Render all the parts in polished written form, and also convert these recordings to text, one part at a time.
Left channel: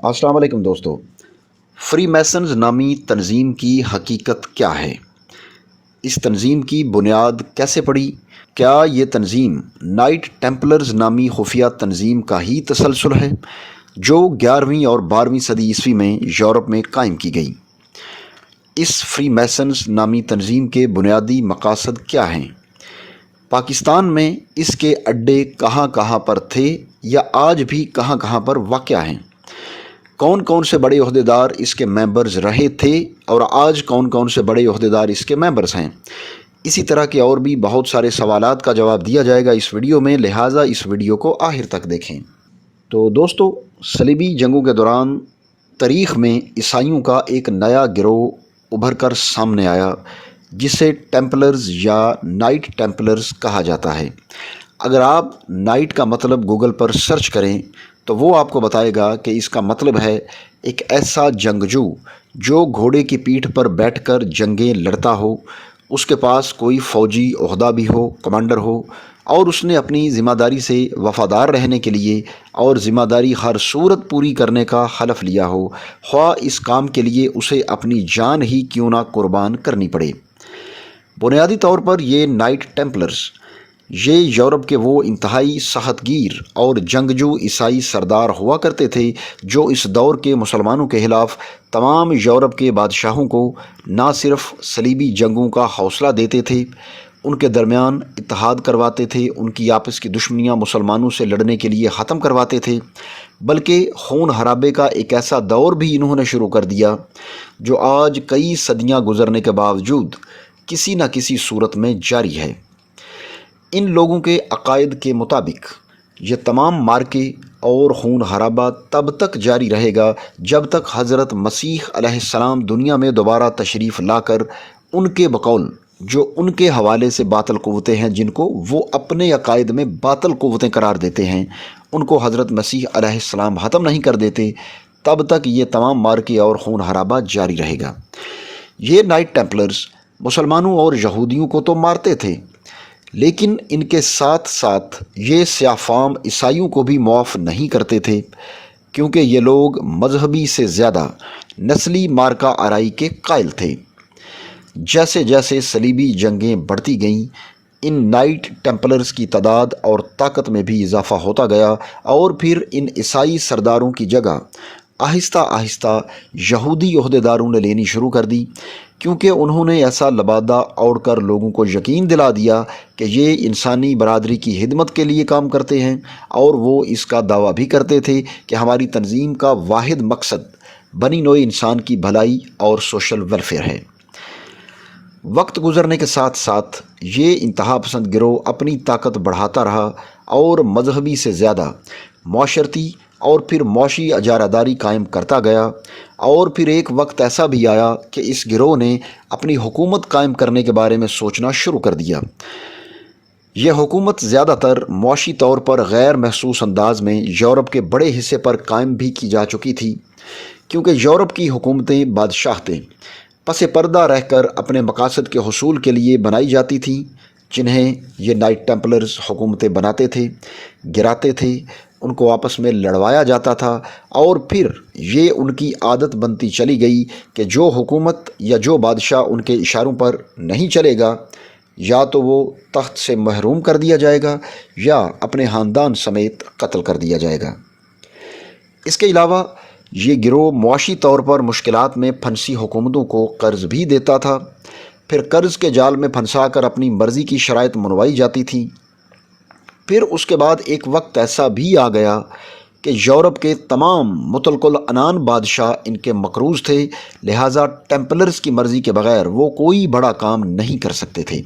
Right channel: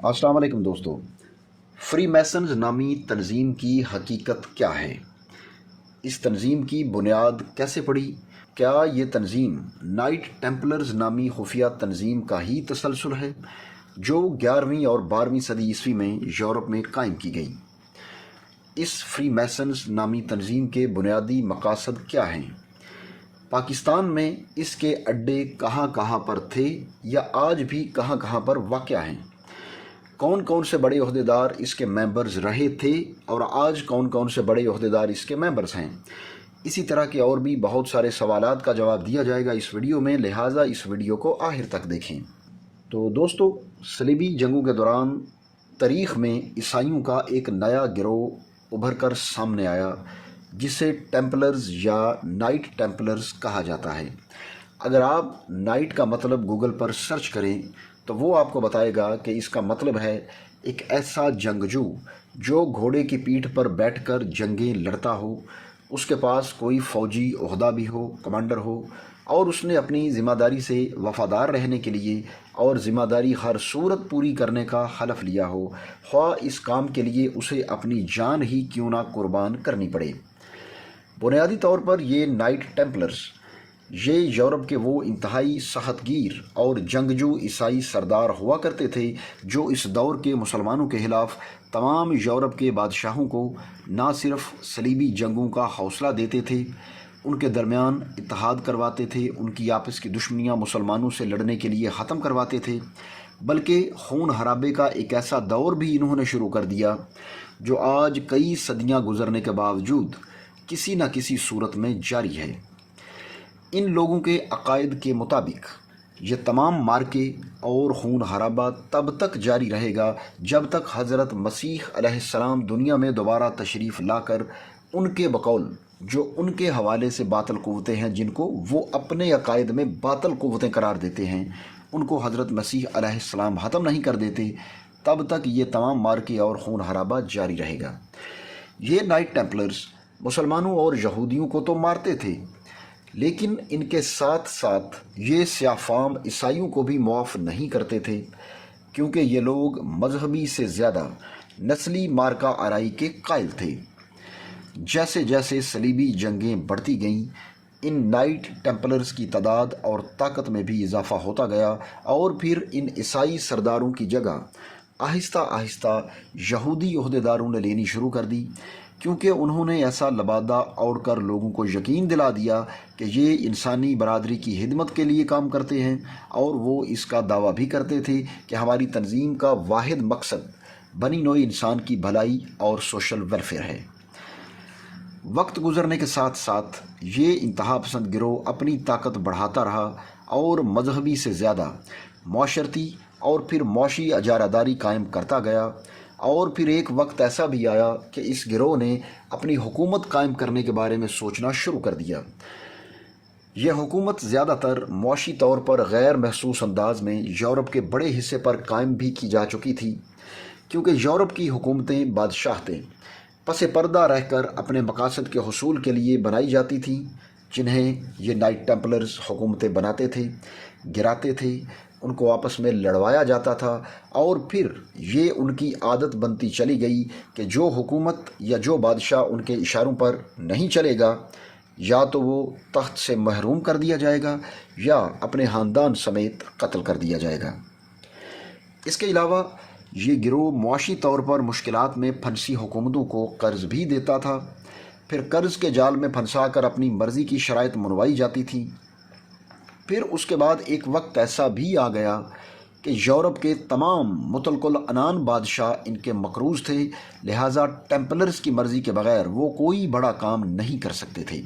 السلام علیکم دوستو۔ فری میسنز نامی تنظیم کی حقیقت کیا ہے؟ اس تنظیم کی بنیاد کیسے پڑی؟ کیا یہ تنظیم نائٹ ٹیمپلرز نامی خفیہ تنظیم کا ہی تسلسل ہے جو 11ویں اور 12ویں صدی عیسوی میں یورپ میں قائم کی گئی؟ اس فری میسنز نامی تنظیم کے بنیادی مقاصد کیا ہیں؟ پاکستان میں اس کے اڈے کہاں کہاں پر تھے یا آج بھی کہاں کہاں پر واقع ہیں؟ کون کون سے بڑے عہدیدار اس کے ممبرز رہے تھے اور آج کون کون سے بڑے عہدیدار اس کے ممبرز ہیں؟ اسی طرح کے اور بھی بہت سارے سوالات کا جواب دیا جائے گا اس ویڈیو میں، لہٰذا اس ویڈیو کو آخر تک دیکھیں۔ تو دوستو، صلیبی جنگوں کے دوران تاریخ میں عیسائیوں کا ایک نیا گروہ ابھر کر سامنے آیا جسے ٹیمپلرز یا نائٹ ٹیمپلرز کہا جاتا ہے۔ اگر آپ نائٹ کا مطلب گوگل پر سرچ کریں تو وہ آپ کو بتائے گا کہ اس کا مطلب ہے ایک ایسا جنگجو جو گھوڑے کی پیٹھ پر بیٹھ کر جنگیں لڑتا ہو، اس کے پاس کوئی فوجی عہدہ بھی ہو، کمانڈر ہو، اور اس نے اپنی ذمہ داری سے وفادار رہنے کے لیے اور ذمہ داری ہر صورت پوری کرنے کا حلف لیا ہو، خواہ اس کام کے لیے اسے اپنی جان ہی کیوں نہ قربان کرنی پڑے۔ بنیادی طور پر یہ نائٹ ٹیمپلرز یہ یورپ کے وہ انتہائی سخت گیر اور جنگجو عیسائی سردار ہوا کرتے تھے جو اس دور کے مسلمانوں کے خلاف تمام یورپ کے بادشاہوں کو نہ صرف صلیبی جنگوں کا حوصلہ دیتے تھے، ان کے درمیان اتحاد کرواتے تھے، ان کی آپس کی دشمنیاں مسلمانوں سے لڑنے کے لیے ختم کرواتے تھے، بلکہ خون خرابے کا ایک ایسا دور بھی انہوں نے شروع کر دیا جو آج کئی صدیاں گزرنے کے باوجود کسی نہ کسی صورت میں جاری ہے۔ ان لوگوں کے عقائد کے مطابق یہ تمام مارکے اور خون خرابہ تب تک جاری رہے گا جب تک حضرت مسیح علیہ السلام دنیا میں دوبارہ تشریف لا کر ان کے بقول جو ان کے حوالے سے باطل قوتیں ہیں، جن کو وہ اپنے عقائد میں باطل قوتیں قرار دیتے ہیں، ان کو حضرت مسیح علیہ السلام ختم نہیں کر دیتے، تب تک یہ تمام مارکے اور خون خرابہ جاری رہے گا۔ یہ نائٹ ٹیمپلرز مسلمانوں اور یہودیوں کو تو مارتے تھے، لیکن ان کے ساتھ ساتھ یہ سیاہ فام عیسائیوں کو بھی معاف نہیں کرتے تھے، کیونکہ یہ لوگ مذہبی سے زیادہ نسلی مارکہ آرائی کے قائل تھے۔ جیسے جیسے صلیبی جنگیں بڑھتی گئیں، ان نائٹ ٹیمپلرز کی تعداد اور طاقت میں بھی اضافہ ہوتا گیا، اور پھر ان عیسائی سرداروں کی جگہ آہستہ آہستہ یہودی عہدیداروں نے لینی شروع کر دی، کیونکہ انہوں نے ایسا لبادہ اوڑھ کر لوگوں کو یقین دلا دیا کہ یہ انسانی برادری کی خدمت کے لیے کام کرتے ہیں، اور وہ اس کا دعویٰ بھی کرتے تھے کہ ہماری تنظیم کا واحد مقصد بنی نوع انسان کی بھلائی اور سوشل ویلفیئر ہے۔ وقت گزرنے کے ساتھ ساتھ یہ انتہا پسند گروہ اپنی طاقت بڑھاتا رہا اور مذہبی سے زیادہ معاشرتی اور پھر معاشی اجارہ قائم کرتا گیا، اور پھر ایک وقت ایسا بھی آیا کہ اس گروہ نے اپنی حکومت قائم کرنے کے بارے میں سوچنا شروع کر دیا۔ یہ حکومت زیادہ تر معاشی طور پر غیر محسوس انداز میں یورپ کے بڑے حصے پر قائم بھی کی جا چکی تھی، کیونکہ یورپ کی حکومتیں بادشاہتیں پس پردہ رہ کر اپنے مقاصد کے حصول کے لیے بنائی جاتی تھیں، جنہیں یہ نائٹ ٹیمپلرز حکومتیں بناتے تھے، گراتے تھے، ان کو آپس میں لڑوایا جاتا تھا، اور پھر یہ ان کی عادت بنتی چلی گئی کہ جو حکومت یا جو بادشاہ ان کے اشاروں پر نہیں چلے گا، یا تو وہ تخت سے محروم کر دیا جائے گا یا اپنے خاندان سمیت قتل کر دیا جائے گا۔ اس کے علاوہ یہ گروہ معاشی طور پر مشکلات میں پھنسی حکومتوں کو قرض بھی دیتا تھا، پھر قرض کے جال میں پھنسا کر اپنی مرضی کی شرائط منوائی جاتی تھی۔ پھر اس کے بعد ایک وقت ایسا بھی آ گیا کہ یورپ کے تمام مطلق العنان بادشاہ ان کے مقروض تھے، لہٰذا ٹیمپلرز کی مرضی کے بغیر وہ کوئی بڑا کام نہیں کر سکتے تھے۔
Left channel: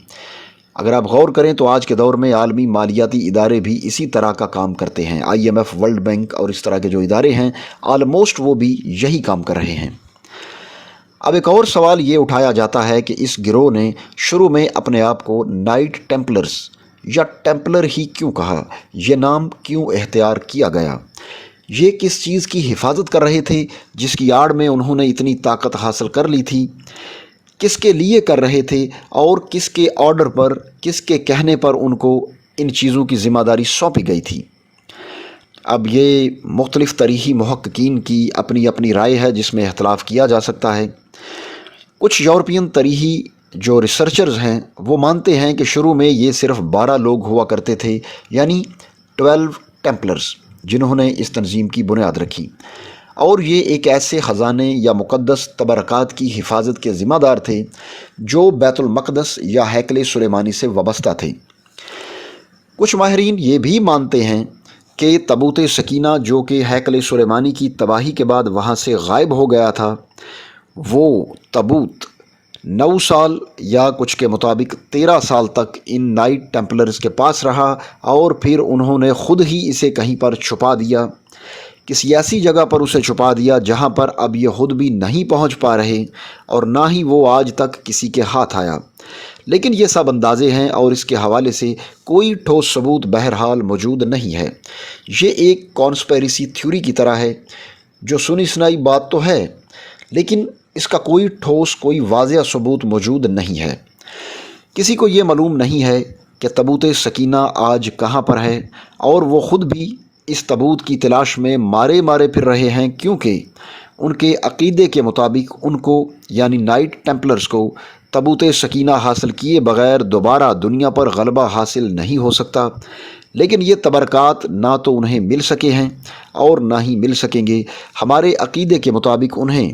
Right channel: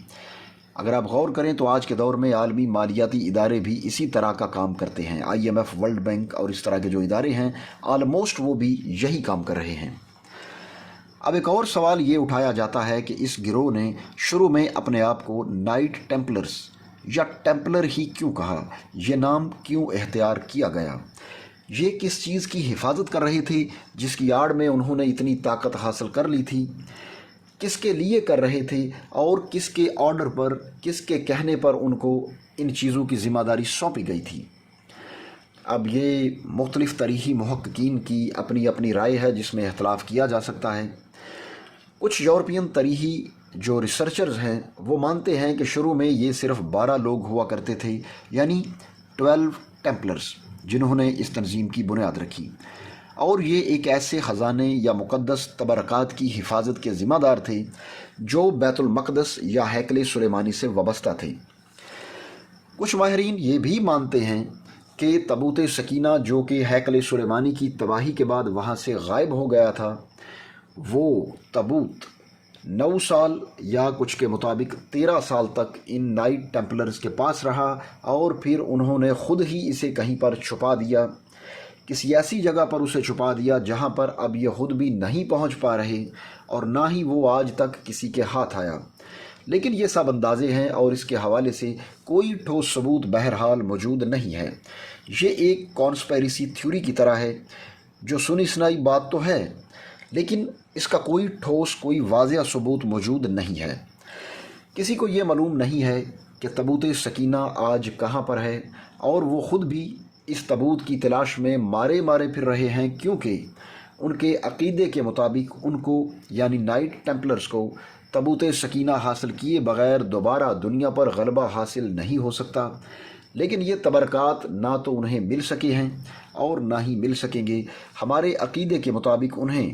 اگر آپ غور کریں تو آج کے دور میں عالمی مالیاتی ادارے بھی اسی طرح کا کام کرتے ہیں، IMF، ورلڈ بینک اور اس طرح کے جو ادارے ہیں آلموسٹ وہ بھی یہی کام کر رہے ہیں۔ اب ایک اور سوال یہ اٹھایا جاتا ہے کہ اس گروہ نے شروع میں اپنے آپ کو نائٹ ٹیمپلرز یا ٹیمپلر ہی کیوں کہا؟ یہ نام کیوں اختیار کیا گیا؟ یہ کس چیز کی حفاظت کر رہے تھے جس کی آڑ میں انہوں نے اتنی طاقت حاصل کر لی تھی؟ کس کے لیے کر رہے تھے اور کس کے آرڈر پر، کس کے کہنے پر ان کو ان چیزوں کی ذمہ داری سونپی گئی تھی؟ اب یہ مختلف تاریخی محققین کی اپنی اپنی رائے ہے جس میں اختلاف کیا جا سکتا ہے۔ کچھ یورپین تاریخی جو ریسرچرز ہیں وہ مانتے ہیں کہ شروع میں یہ صرف 12 لوگ ہوا کرتے تھے، یعنی 12 ٹیمپلرز، جنہوں نے اس تنظیم کی بنیاد رکھی، اور یہ ایک ایسے خزانے یا مقدس تبرکات کی حفاظت کے ذمہ دار تھے جو بیت المقدس یا ہیکل سلیمانی سے وابستہ تھے۔ کچھ ماہرین یہ بھی مانتے ہیں کہ تابوت سکینہ جو کہ ہیکل سلیمانی کی تباہی کے بعد وہاں سے غائب ہو گیا تھا، وہ تابوت 9 سال یا کچھ کے مطابق 13 سال تک ان نائٹ ٹیمپلرز کے پاس رہا، اور پھر انہوں نے خود ہی اسے کہیں پر چھپا دیا، کسی ایسی جگہ پر اسے چھپا دیا جہاں پر اب یہ خود بھی نہیں پہنچ پا رہے اور نہ ہی وہ آج تک کسی کے ہاتھ آیا۔ لیکن یہ سب اندازے ہیں اور اس کے حوالے سے کوئی ٹھوس ثبوت بہرحال موجود نہیں ہے۔ یہ ایک کانسپیریسی تھیوری کی طرح ہے، جو سنی سنائی بات تو ہے لیکن اس کا کوئی ٹھوس، کوئی واضح ثبوت موجود نہیں ہے۔ کسی کو یہ معلوم نہیں ہے کہ تابوت سکینہ آج کہاں پر ہے، اور وہ خود بھی اس تابوت کی تلاش میں مارے پھر رہے ہیں، کیونکہ ان کے عقیدے کے مطابق ان کو یعنی نائٹ ٹیمپلرز کو تابوت سکینہ حاصل کیے بغیر دوبارہ دنیا پر غلبہ حاصل نہیں ہو سکتا۔ لیکن یہ تبرکات نہ تو انہیں مل سکے ہیں اور نہ ہی مل سکیں گے۔ ہمارے عقیدے کے مطابق انہیں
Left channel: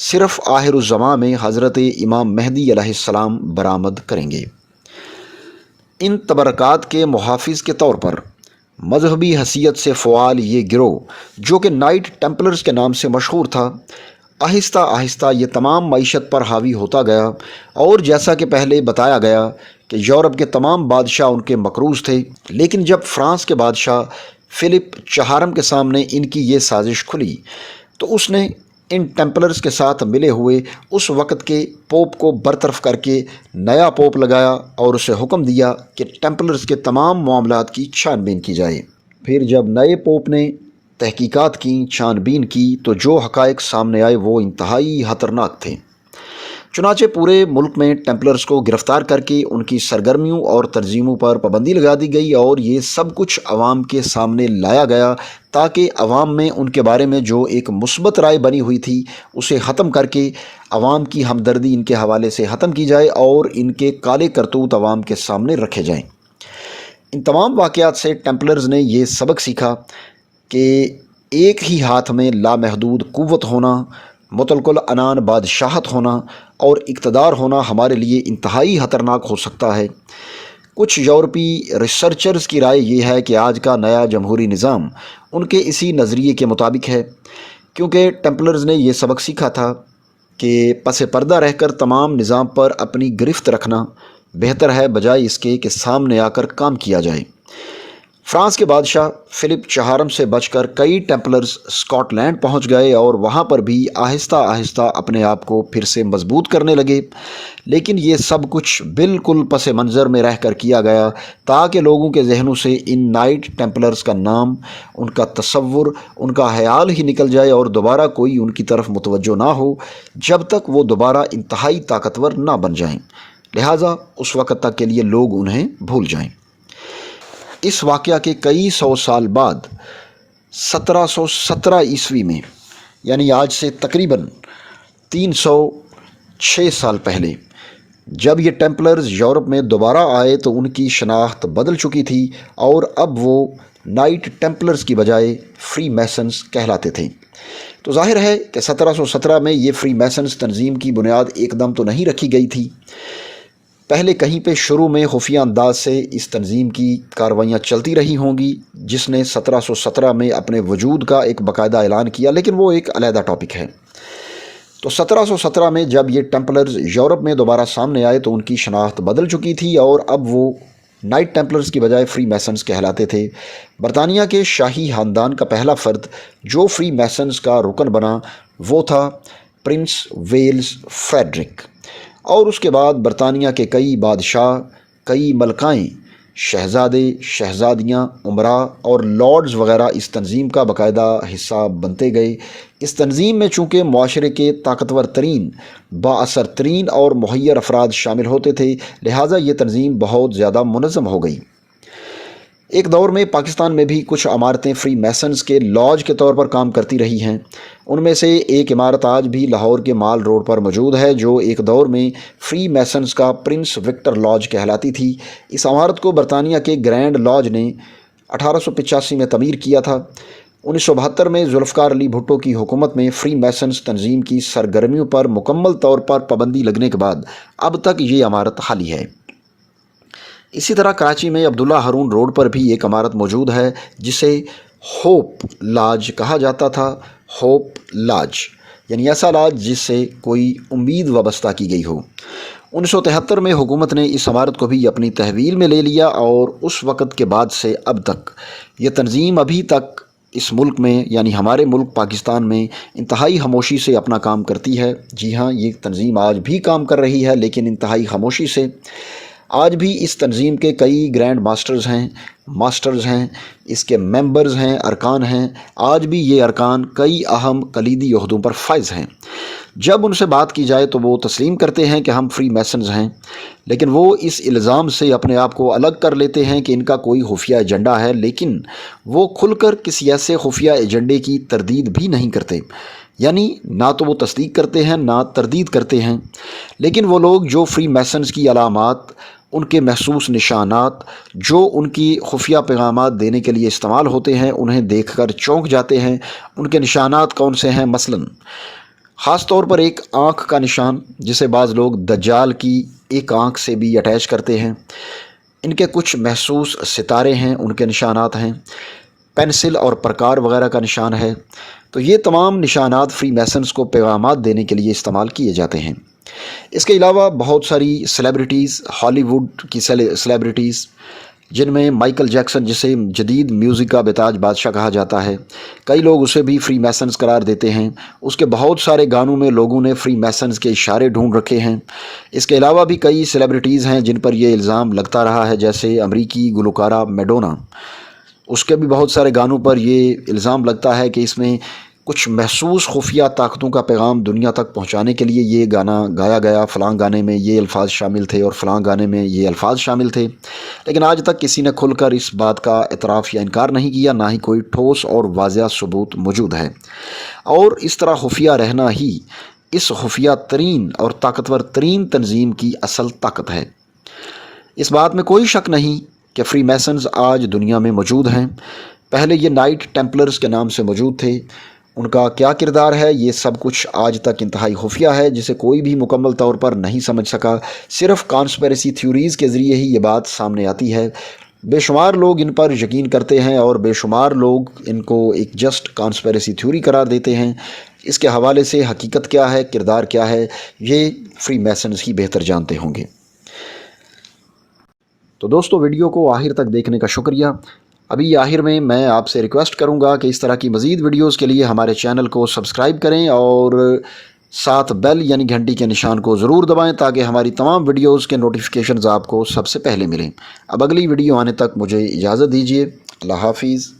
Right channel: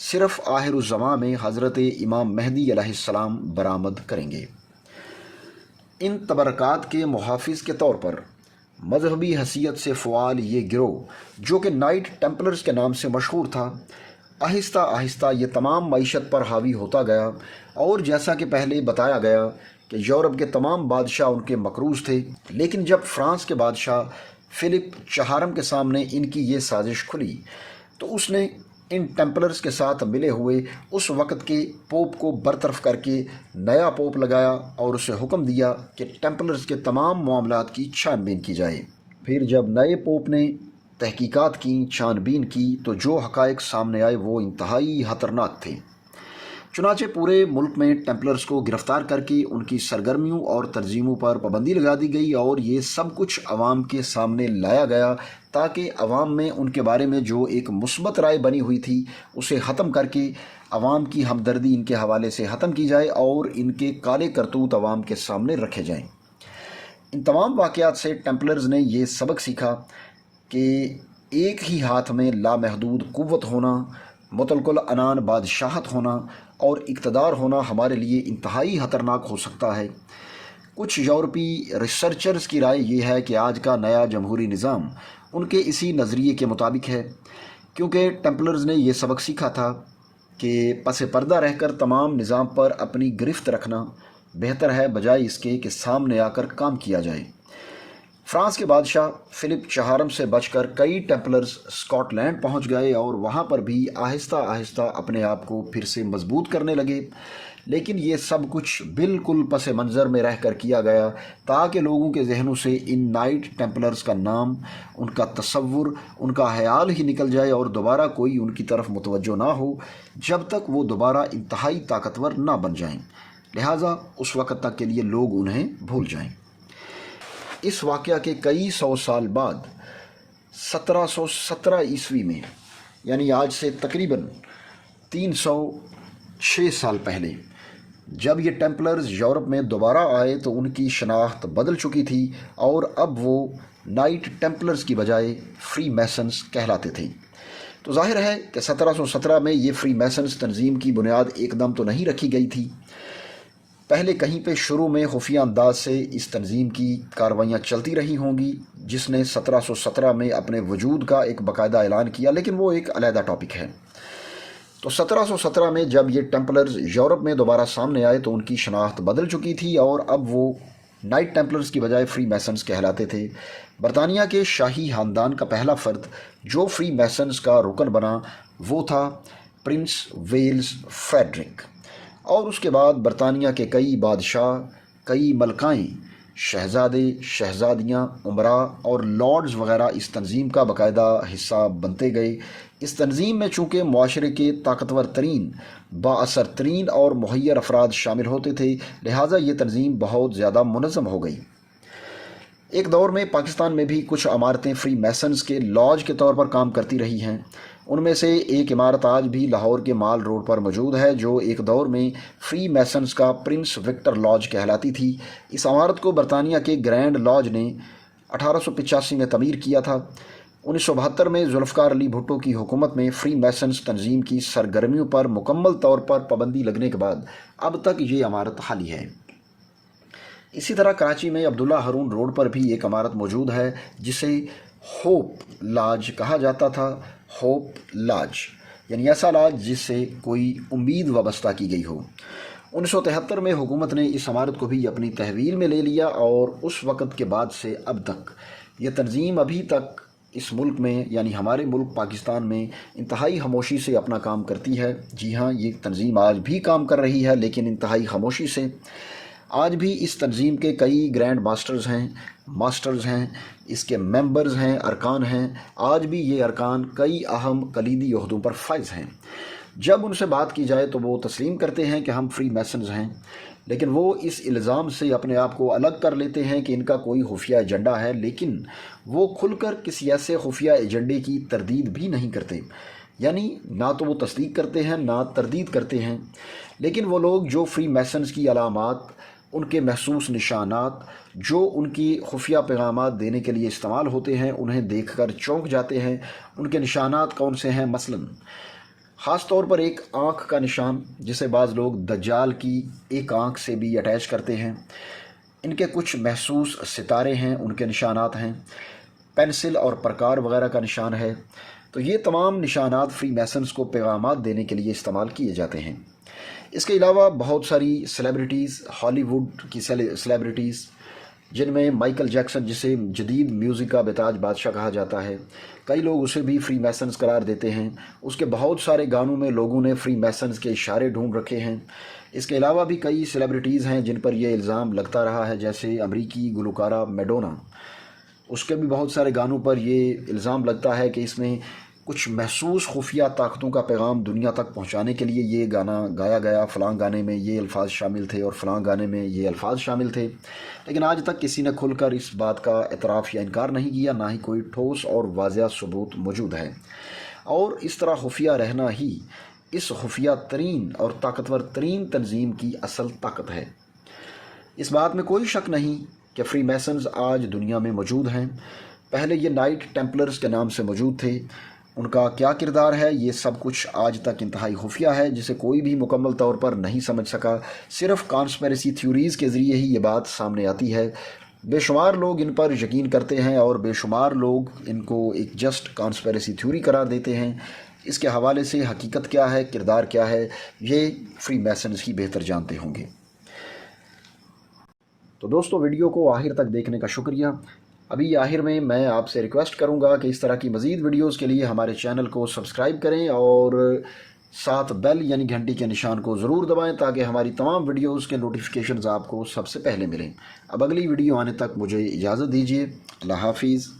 صرف آخر الزماں میں حضرت امام مہدی علیہ السلام برآمد کریں گے۔ ان تبرکات کے محافظ کے طور پر مذہبی حیثیت سے فعال یہ گروہ، جو کہ نائٹ ٹیمپلرز کے نام سے مشہور تھا، آہستہ آہستہ یہ تمام معیشت پر حاوی ہوتا گیا، اور جیسا کہ پہلے بتایا گیا کہ یورپ کے تمام بادشاہ ان کے مقروض تھے، لیکن جب فرانس کے بادشاہ فلپ چہارم کے سامنے ان کی یہ سازش کھلی تو اس نے ان ٹیمپلرز کے ساتھ ملے ہوئے اس وقت کے پوپ کو برطرف کر کے نیا پوپ لگایا اور اسے حکم دیا کہ ٹیمپلرز کے تمام معاملات کی چھان بین کی جائے۔ پھر جب نئے پوپ نے تحقیقات کی، چھان بین کی، تو جو حقائق سامنے آئے وہ انتہائی خطرناک تھے۔ چنانچہ پورے ملک میں ٹیمپلرز کو گرفتار کر کے ان کی سرگرمیوں اور تنظیموں پر پابندی لگا دی گئی، اور یہ سب کچھ عوام کے سامنے لایا گیا تاکہ عوام میں ان کے بارے میں جو ایک مثبت رائے بنی ہوئی تھی اسے ختم کر کے عوام کی ہمدردی ان کے حوالے سے ختم کی جائے اور ان کے کالے کرتوت عوام کے سامنے رکھے جائیں۔ ان تمام واقعات سے ٹیمپلرز نے یہ سبق سیکھا کہ ایک ہی ہاتھ میں لامحدود قوت ہونا، مطلق العنان بادشاہت ہونا اور اقتدار ہونا ہمارے لیے انتہائی خطرناک ہو سکتا ہے۔ کچھ یورپی ریسرچرز کی رائے یہ ہے کہ آج کا نیا جمہوری نظام ان کے اسی نظریے کے مطابق ہے، کیونکہ ٹیمپلرز نے یہ سبق سیکھا تھا کہ پس پردہ رہ کر تمام نظام پر اپنی گرفت رکھنا بہتر ہے بجائے اس کے کہ سامنے آ کر کام کیا جائے۔ فرانس کے بادشاہ فلپ چہارم سے بچ کر کئی ٹیمپلرز اسکاٹ لینڈ پہنچ گئے اور وہاں پر بھی آہستہ آہستہ اپنے آپ کو پھر سے مضبوط کرنے لگے، لیکن یہ سب کچھ بالکل پس منظر میں رہ کر کیا گیا تاکہ لوگوں کے ذہنوں سے ان نائٹ ٹیمپلرز کا نام، ان کا تصور، ان کا خیال ہی نکل جائے اور دوبارہ کوئی ان کی طرف متوجہ نہ ہو جب تک وہ دوبارہ انتہائی طاقتور نہ بن جائیں، لہٰذا اس وقت تک کے لیے لوگ انہیں بھول جائیں۔ اس واقعہ کے کئی سو سال بعد 1717 عیسوی میں، یعنی آج سے تقریباً 306 سال پہلے، جب یہ ٹیمپلرز یورپ میں دوبارہ آئے تو ان کی شناخت بدل چکی تھی اور اب وہ نائٹ ٹیمپلرز کی بجائے فری میسنز کہلاتے تھے۔ تو ظاہر ہے کہ 1717 میں یہ فری میسنز تنظیم کی بنیاد ایک دم تو نہیں رکھی گئی تھی، پہلے کہیں پہ شروع میں خفیہ انداز سے اس تنظیم کی کاروائیاں چلتی رہی ہوں گی جس نے 1717 میں اپنے وجود کا ایک باقاعدہ اعلان کیا، لیکن وہ ایک علیحدہ ٹاپک ہے۔ تو 1717 میں جب یہ ٹیمپلرز یورپ میں دوبارہ سامنے آئے تو ان کی شناخت بدل چکی تھی اور اب وہ نائٹ ٹیمپلرز کی بجائے فری میسنز کہلاتے تھے۔ برطانیہ کے شاہی خاندان کا پہلا فرد جو فری میسنز کا رکن بنا وہ تھا پرنس ویلز فریڈرک، اور اس کے بعد برطانیہ کے کئی بادشاہ، کئی ملکائیں، شہزادے، شہزادیاں، امراء اور لارڈز وغیرہ اس تنظیم کا باقاعدہ حصہ بنتے گئے۔ اس تنظیم میں چونکہ معاشرے کے طاقتور ترین، بااثر ترین اور مہیر افراد شامل ہوتے تھے، لہٰذا یہ تنظیم بہت زیادہ منظم ہو گئی۔ ایک دور میں پاکستان میں بھی کچھ عمارتیں فری میسنز کے لاج کے طور پر کام کرتی رہی ہیں۔ ان میں سے ایک عمارت آج بھی لاہور کے مال روڈ پر موجود ہے، جو ایک دور میں فری میسنز کا پرنس وکٹر لاج کہلاتی تھی۔ اس عمارت کو برطانیہ کے گرینڈ لاج نے 1885 میں تعمیر کیا تھا۔ 1972 میں ذوالفقار علی بھٹو کی حکومت میں فری میسنز تنظیم کی سرگرمیوں پر مکمل طور پر پابندی لگنے کے بعد اب تک یہ عمارت خالی ہے۔ اسی طرح کراچی میں عبداللہ ہارون روڈ پر بھی ایک عمارت موجود ہے جسے ہوپ لاج کہا جاتا تھا۔ ہوپ لاج یعنی ایسا لاج جس سے کوئی امید وابستہ کی گئی ہو۔ 1973 میں حکومت نے اس عمارت کو بھی اپنی تحویل میں لے لیا اور اس وقت کے بعد سے اب تک یہ تنظیم ابھی تک اس ملک میں یعنی ہمارے ملک پاکستان میں انتہائی خاموشی سے اپنا کام کرتی ہے۔ جی ہاں، یہ تنظیم آج بھی کام کر رہی ہے، لیکن انتہائی خاموشی سے۔ آج بھی اس تنظیم کے کئی گرینڈ ماسٹرز ہیں، اس کے ممبرز ہیں، ارکان ہیں۔ آج بھی یہ ارکان کئی اہم کلیدی عہدوں پر فائز ہیں۔ جب ان سے بات کی جائے تو وہ تسلیم کرتے ہیں کہ ہم فری میسنز ہیں، لیکن وہ اس الزام سے اپنے آپ کو الگ کر لیتے ہیں کہ ان کا کوئی خفیہ ایجنڈا ہے، لیکن وہ کھل کر کسی ایسے خفیہ ایجنڈے کی تردید بھی نہیں کرتے، یعنی نہ تو وہ تصدیق کرتے ہیں نہ تردید کرتے ہیں۔ لیکن وہ لوگ جو فری میسنز کی علامات، ان کے محسوس نشانات جو ان کی خفیہ پیغامات دینے کے لیے استعمال ہوتے ہیں، انہیں دیکھ کر چونک جاتے ہیں۔ ان کے نشانات کون سے ہیں؟ مثلاً خاص طور پر ایک آنکھ کا نشان، جسے بعض لوگ دجال کی ایک آنکھ سے بھی اٹیچ کرتے ہیں۔ ان کے کچھ محسوس ستارے ہیں، ان کے نشانات ہیں۔ پینسل اور پرکار وغیرہ کا نشان ہے۔ تو یہ تمام نشانات فری میسنز کو پیغامات دینے کے لیے استعمال کیے جاتے ہیں۔ اس کے علاوہ بہت ساری سیلیبریٹیز، ہالی ووڈ کی سیلیبریٹیز، جن میں مائیکل جیکسن، جسے جدید میوزک کا بتاج بادشاہ کہا جاتا ہے، کئی لوگ اسے بھی فری میسنز قرار دیتے ہیں۔ اس کے بہت سارے گانوں میں لوگوں نے فری میسنز کے اشارے ڈھونڈ رکھے ہیں۔ اس کے علاوہ بھی کئی سیلیبریٹیز ہیں جن پر یہ الزام لگتا رہا ہے، جیسے امریکی گلوکارہ میڈونا۔ اس کے بھی بہت سارے گانوں پر یہ الزام لگتا ہے کہ اس میں کچھ محسوس خفیہ طاقتوں کا پیغام دنیا تک پہنچانے کے لیے یہ گانا گایا گیا، فلاں گانے میں یہ الفاظ شامل تھے اور فلاں گانے میں یہ الفاظ شامل تھے۔ لیکن آج تک کسی نے کھل کر اس بات کا اعتراف یا انکار نہیں کیا، نہ ہی کوئی ٹھوس اور واضح ثبوت موجود ہے۔ اور اس طرح خفیہ رہنا ہی اس خفیہ ترین اور طاقتور ترین تنظیم کی اصل طاقت ہے۔ اس بات میں کوئی شک نہیں کہ فری میسنز آج دنیا میں موجود ہیں۔ پہلے یہ نائٹ ٹیمپلرز کے نام سے موجود تھے۔ ان کا کیا کردار ہے، یہ سب کچھ آج تک انتہائی خفیہ ہے، جسے کوئی بھی مکمل طور پر نہیں سمجھ سکا۔ صرف کانسپیریسی تھیوریز کے ذریعے ہی یہ بات سامنے آتی ہے۔ بے شمار لوگ ان پر یقین کرتے ہیں اور بے شمار لوگ ان کو ایک جسٹ کانسپیریسی تھیوری قرار دیتے ہیں۔ اس کے حوالے سے حقیقت کیا ہے، کردار کیا ہے، یہ فری میسنز ہی بہتر جانتے ہوں گے۔ تو دوستو، ویڈیو کو آخر تک دیکھنے کا شکریہ۔ ابھی آخر میں آپ سے ریکویسٹ کروں گا کہ اس طرح کی مزید ویڈیوز کے لیے ہمارے چینل کو سبسکرائب کریں اور ساتھ بیل یعنی گھنٹی کے نشان کو ضرور دبائیں، تاکہ ہماری تمام ویڈیوز کے نوٹیفیکیشنز آپ کو سب سے پہلے ملیں۔ اب اگلی ویڈیو آنے تک مجھے اجازت دیجیے۔ اللہ حافظ۔